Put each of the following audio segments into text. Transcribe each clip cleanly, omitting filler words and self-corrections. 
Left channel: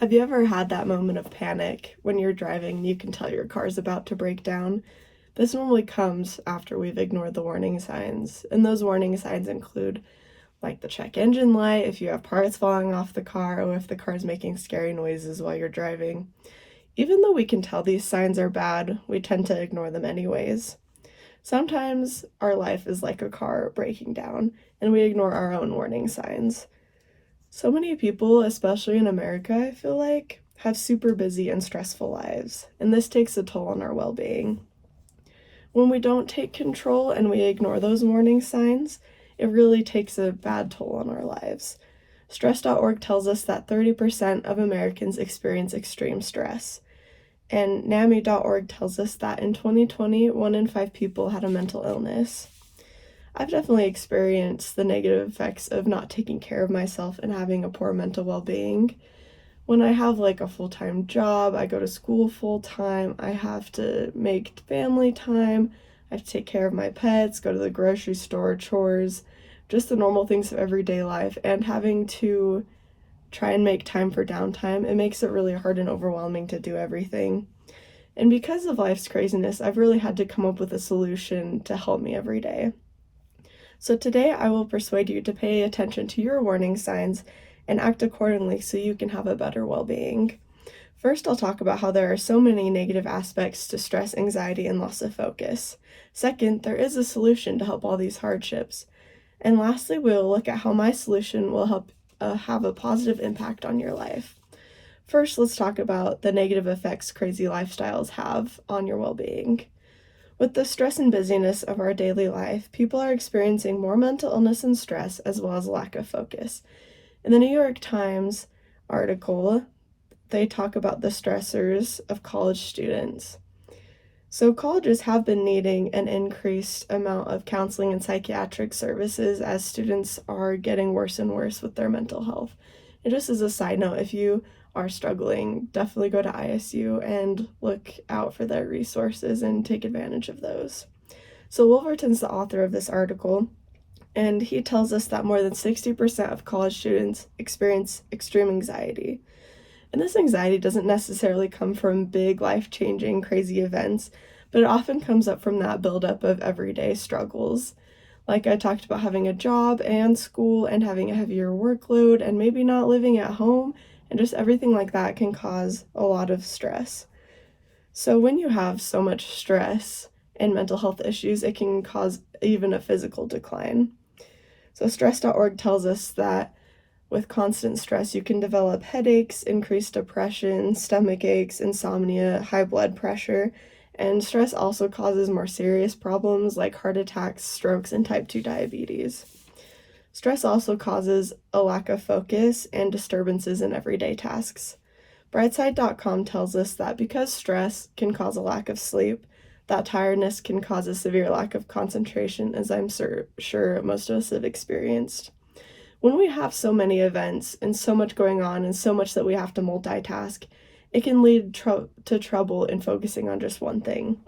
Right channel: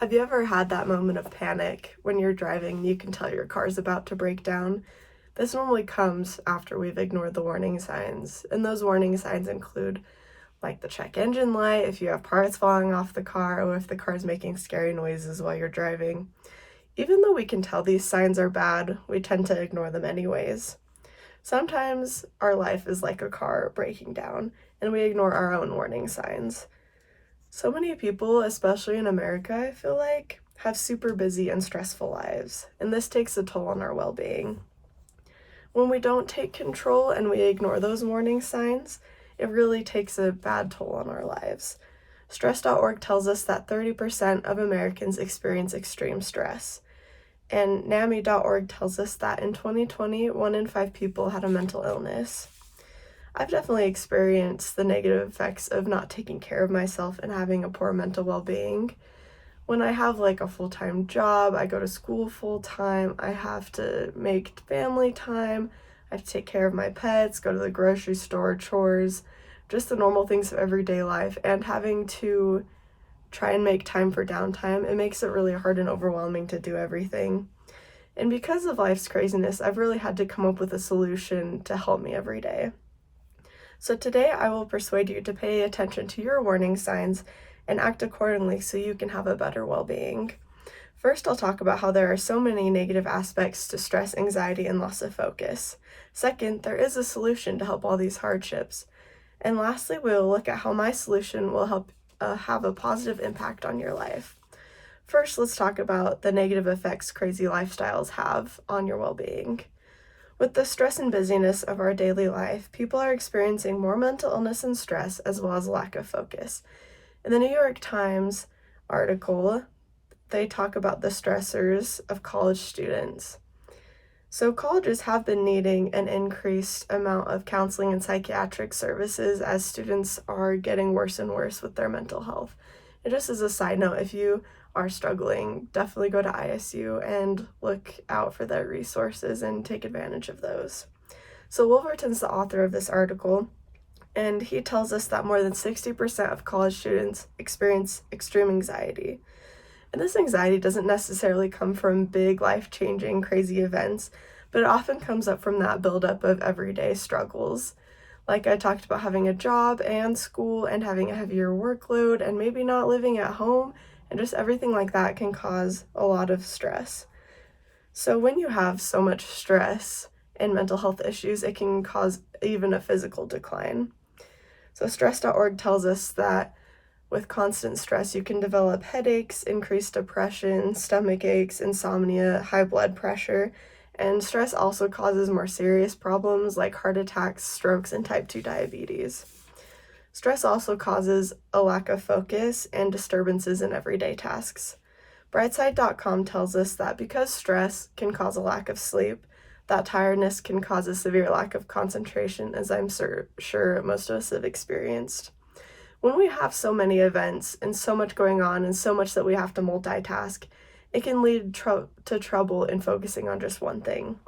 Have you ever had that moment of panic when you're driving and you can tell your car's about to break down? This normally comes after we've ignored the warning signs, and those warning signs include like the check engine light, if you have parts falling off the car, or if the car's making scary noises while you're driving. Even though we can tell these signs are bad, we tend to ignore them anyways. Sometimes our life is like a car breaking down, and we ignore our own warning signs. So many people, especially in America, I feel like, have super busy and stressful lives, and this takes a toll on our well being. When we don't take control and we ignore those warning signs, it really takes a bad toll on our lives. Stress.org tells us that 30% of Americans experience extreme stress. And NAMI.org tells us that in 2020, 1 in 5 people had a mental illness. I've definitely experienced the negative effects of not taking care of myself and having a poor mental well-being. When I have like a full-time job, I go to school full-time, I have to make family time, I have to take care of my pets, go to the grocery store, chores, just the normal things of everyday life, and having to try and make time for downtime, it makes it really hard and overwhelming to do everything. And because of life's craziness, I've really had to come up with a solution to help me every day. So today I will persuade you to pay attention to your warning signs and act accordingly so you can have a better well-being. First, I'll talk about how there are so many negative aspects to stress, anxiety, and loss of focus. Second, there is a solution to help all these hardships. And lastly, we will look at how my solution will help have a positive impact on your life. First, let's talk about the negative effects crazy lifestyles have on your well-being. With the stress and busyness of our daily life, people are experiencing more mental illness and stress as well as lack of focus. In the New York Times article, they talk about the stressors of college students. So colleges have been needing an increased amount of counseling and psychiatric services as students are getting worse and worse with their mental health. And just as a side note, if you are struggling, definitely go to ISU and look out for their resources and take advantage of those. So Wolverton's the author of this article, and he tells us that more than 60% of college students experience extreme anxiety. And this anxiety doesn't necessarily come from big, life-changing, crazy events, but it often comes up from that buildup of everyday struggles. Like I talked about, having a job and school and having a heavier workload and maybe not living at home, and just everything like that can cause a lot of stress. So when you have so much stress and mental health issues, it can cause even a physical decline. So stress.org tells us that with constant stress, you can develop headaches, increased depression, stomach aches, insomnia, high blood pressure, and stress also causes more serious problems like heart attacks, strokes, and type 2 diabetes. Stress also causes a lack of focus and disturbances in everyday tasks. Brightside.com tells us that because stress can cause a lack of sleep, that tiredness can cause a severe lack of concentration, as I'm sure most of us have experienced. When we have so many events and so much going on and so much that we have to multitask, it can lead to trouble in focusing on just one thing.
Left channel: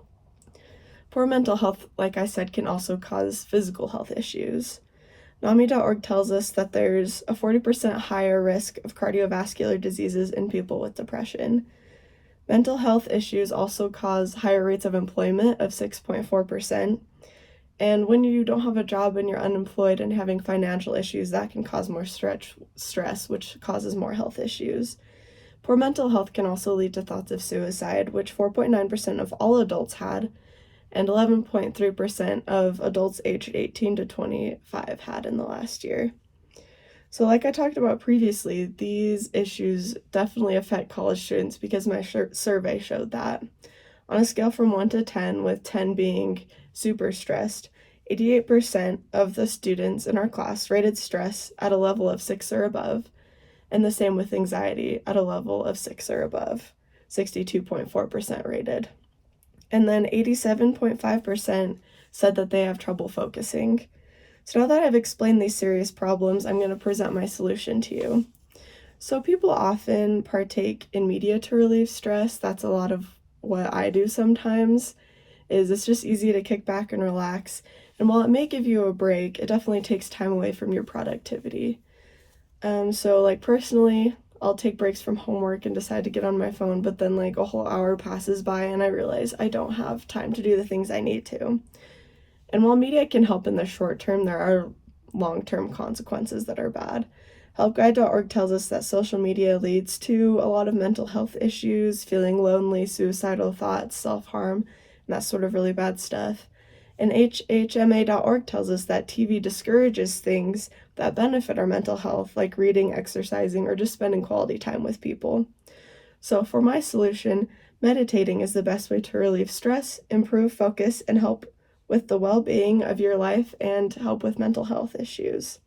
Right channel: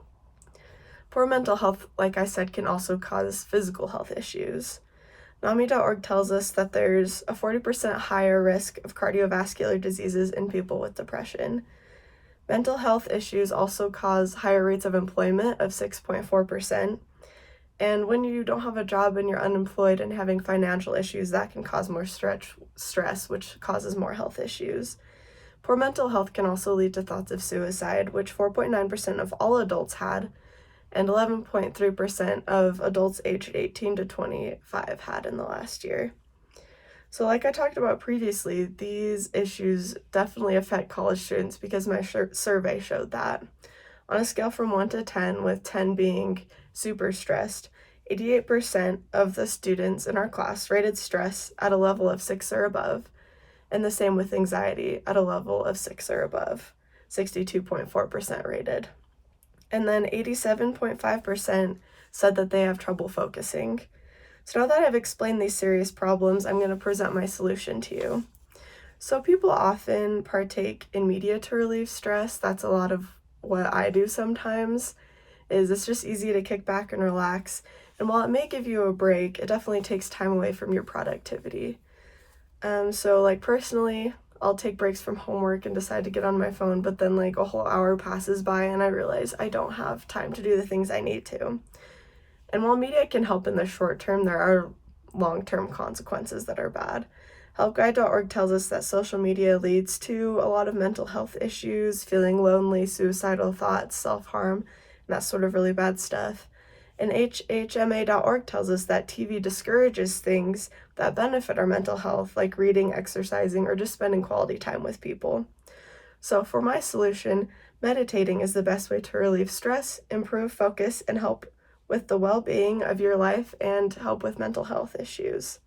Poor mental health, like I said, can also cause physical health issues. NAMI.org tells us that there's a 40% higher risk of cardiovascular diseases in people with depression. Mental health issues also cause higher rates of employment of 6.4%. And when you don't have a job and you're unemployed and having financial issues, that can cause more stress, which causes more health issues. Poor mental health can also lead to thoughts of suicide, which 4.9% of all adults had, and 11.3% of adults aged 18 to 25 had in the last year. So like I talked about previously, these issues definitely affect college students because my survey showed that. On a scale from 1 to 10, with 10 being super stressed, 88% of the students in our class rated stress at a level of 6 or above, and the same with anxiety at a level of 6 or above, 62.4% rated. And then 87.5% said that they have trouble focusing. So now that I've explained these serious problems, I'm going to present my solution to you. So people often partake in media to relieve stress. That's a lot of what I do sometimes. It's just easy to kick back and relax. And while it may give you a break, it definitely takes time away from your productivity. So like personally, I'll take breaks from homework and decide to get on my phone, but then like a whole hour passes by and I realize I don't have time to do the things I need to. And while media can help in the short term, there are long-term consequences that are bad. Helpguide.org tells us that social media leads to a lot of mental health issues, feeling lonely, suicidal thoughts, self-harm, and that sort of really bad stuff. And HHMA.org tells us that TV discourages things that benefit our mental health, like reading, exercising, or just spending quality time with people. So for my solution, meditating is the best way to relieve stress, improve focus, and help with the well-being of your life and help with mental health issues.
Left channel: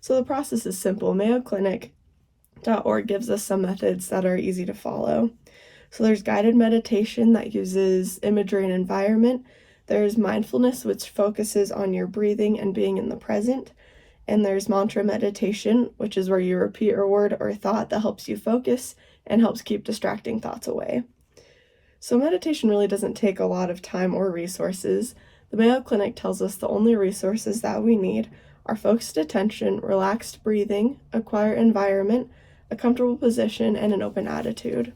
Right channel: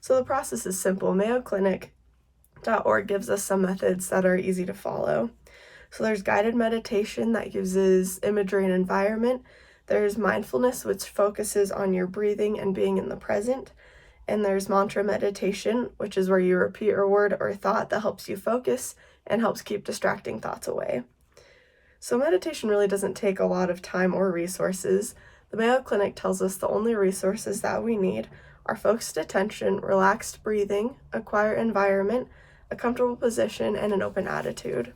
So the process is simple. MayoClinic.org gives us some methods that are easy to follow. So there's guided meditation that uses imagery and environment. There's mindfulness, which focuses on your breathing and being in the present. And there's mantra meditation, which is where you repeat a word or thought that helps you focus and helps keep distracting thoughts away. So meditation really doesn't take a lot of time or resources. The Mayo Clinic tells us the only resources that we need are focused attention, relaxed breathing, a quiet environment, a comfortable position, and an open attitude.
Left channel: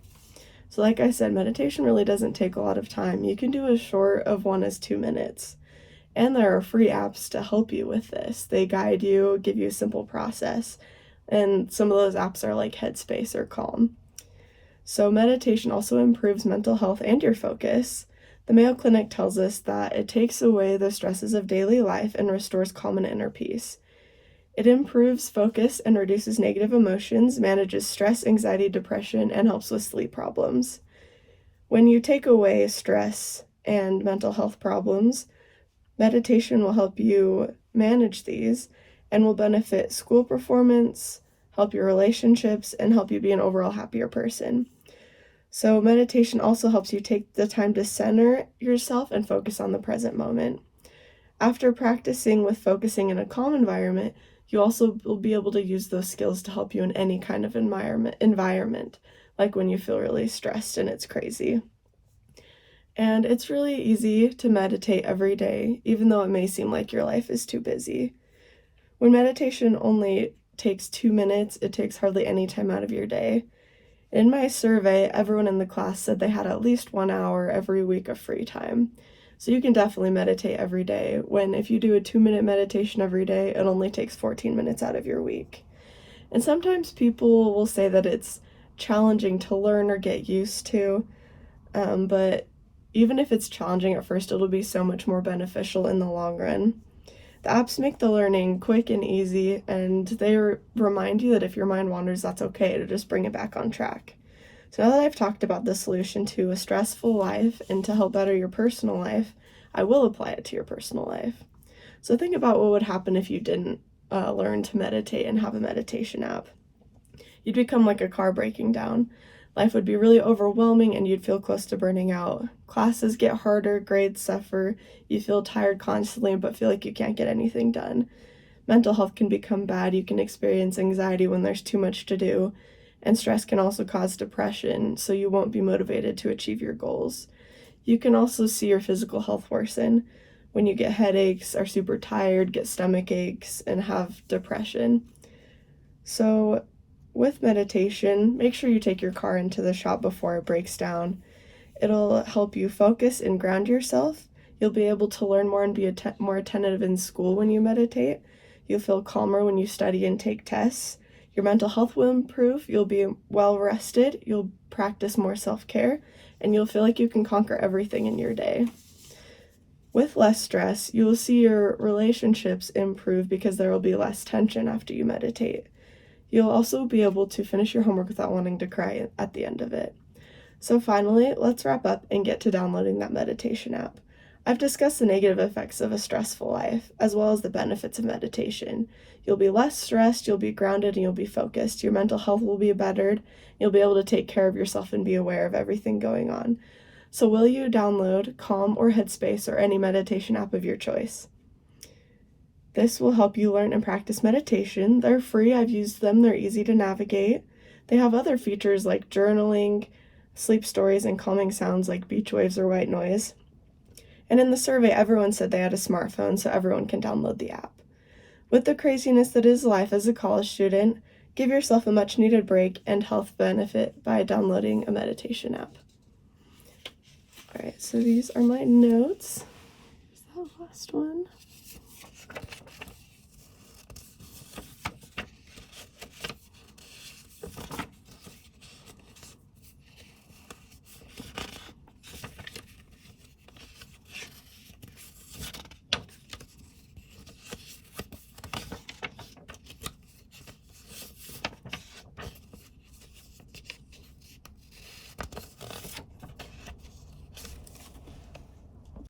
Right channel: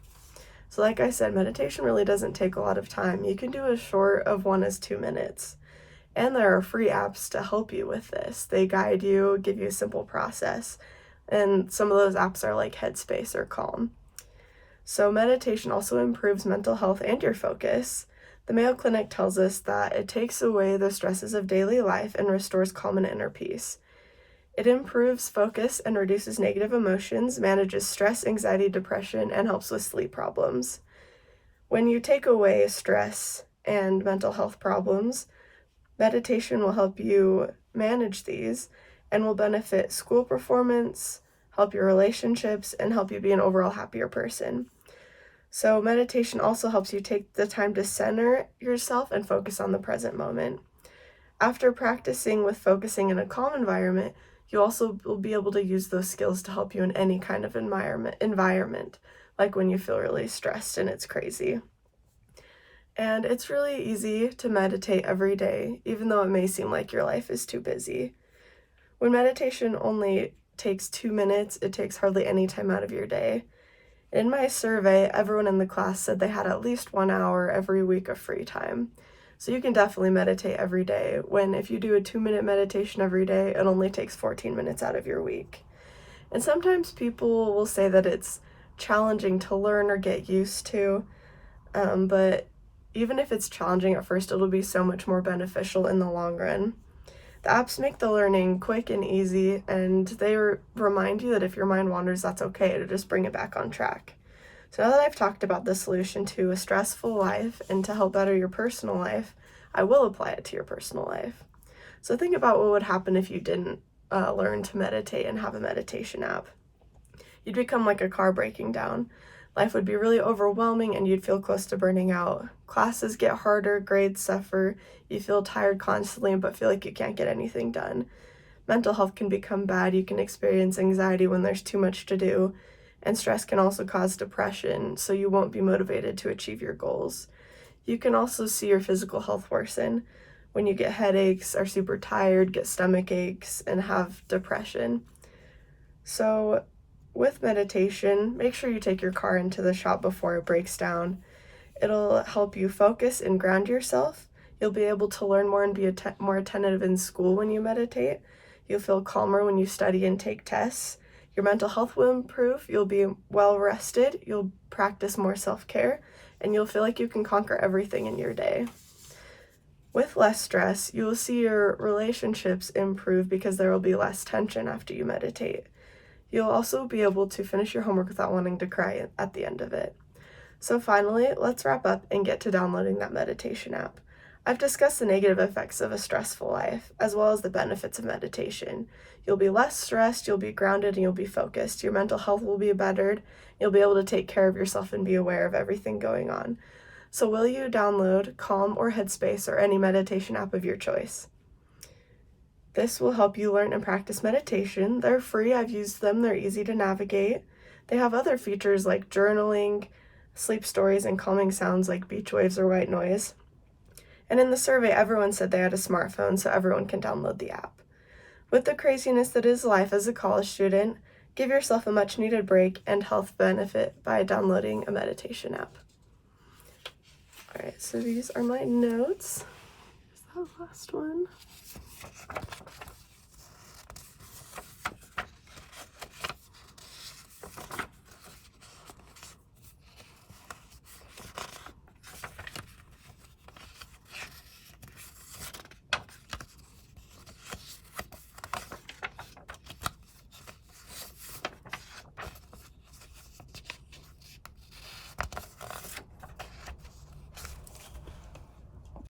So like I said, meditation really doesn't take a lot of time. You can do as short of 1 as 2 minutes. And there are free apps to help you with this. They guide you, give you a simple process. And some of those apps are like Headspace or Calm. So meditation also improves mental health and your focus. The Mayo Clinic tells us that it takes away the stresses of daily life and restores calm and inner peace. It improves focus and reduces negative emotions, manages stress, anxiety, depression, and helps with sleep problems. When you take away stress and mental health problems, meditation will help you manage these and will benefit school performance, help your relationships, and help you be an overall happier person. So meditation also helps you take the time to center yourself and focus on the present moment. After practicing with focusing in a calm environment, you also will be able to use those skills to help you in any kind of environment, like when you feel really stressed and it's crazy. And it's really easy to meditate every day, even though it may seem like your life is too busy. When meditation only takes 2 minutes, it takes hardly any time out of your day. In my survey, everyone in the class said they had at least 1 hour every week of free time. So you can definitely meditate every day, when if you do a 2-minute meditation every day, it only takes 14 minutes out of your week. And sometimes people will say that it's challenging to learn or get used to, but even if it's challenging at first, it'll be so much more beneficial in the long run. The apps make the learning quick and easy, and they remind you that if your mind wanders, that's okay, to just bring it back on track. So now that I've talked about the solution to a stressful life and to help better your personal life, I will apply it to your personal life. So think about what would happen if you didn't learn to meditate and have a meditation app. You'd become like a car breaking down. Life would be really overwhelming and you'd feel close to burning out. Classes get harder, grades suffer, you feel tired constantly but feel like you can't get anything done. Mental health can become bad, you can experience anxiety when there's too much to do, and stress can also cause depression, so you won't be motivated to achieve your goals. You can also see your physical health worsen when you get headaches, are super tired, get stomach aches, and have depression. So with meditation, make sure you take your car into the shop before it breaks down. It'll help you focus and ground yourself. You'll be able to learn more and be more attentive in school when you meditate. You'll feel calmer when you study and take tests. Your mental health will improve. You'll be well rested. You'll practice more self-care, and you'll feel like you can conquer everything in your day. With less stress, you will see your relationships improve because there will be less tension after you meditate. You'll also be able to finish your homework without wanting to cry at the end of it. So finally, let's wrap up and get to downloading that meditation app. I've discussed the negative effects of a stressful life, as well as the benefits of meditation. You'll be less stressed, you'll be grounded, and you'll be focused. Your mental health will be bettered. You'll be able to take care of yourself and be aware of everything going on. So will you download Calm or Headspace or any meditation app of your choice? This will help you learn and practice meditation. They're free, I've used them, they're easy to navigate. They have other features like journaling, sleep stories, and calming sounds like beach waves or white noise. And in the survey, everyone said they had a smartphone, so everyone can download the app. With the craziness that is life as a college student, Give yourself a much needed break and health benefit by downloading a meditation app. All right, so these are my notes. Here's that last one.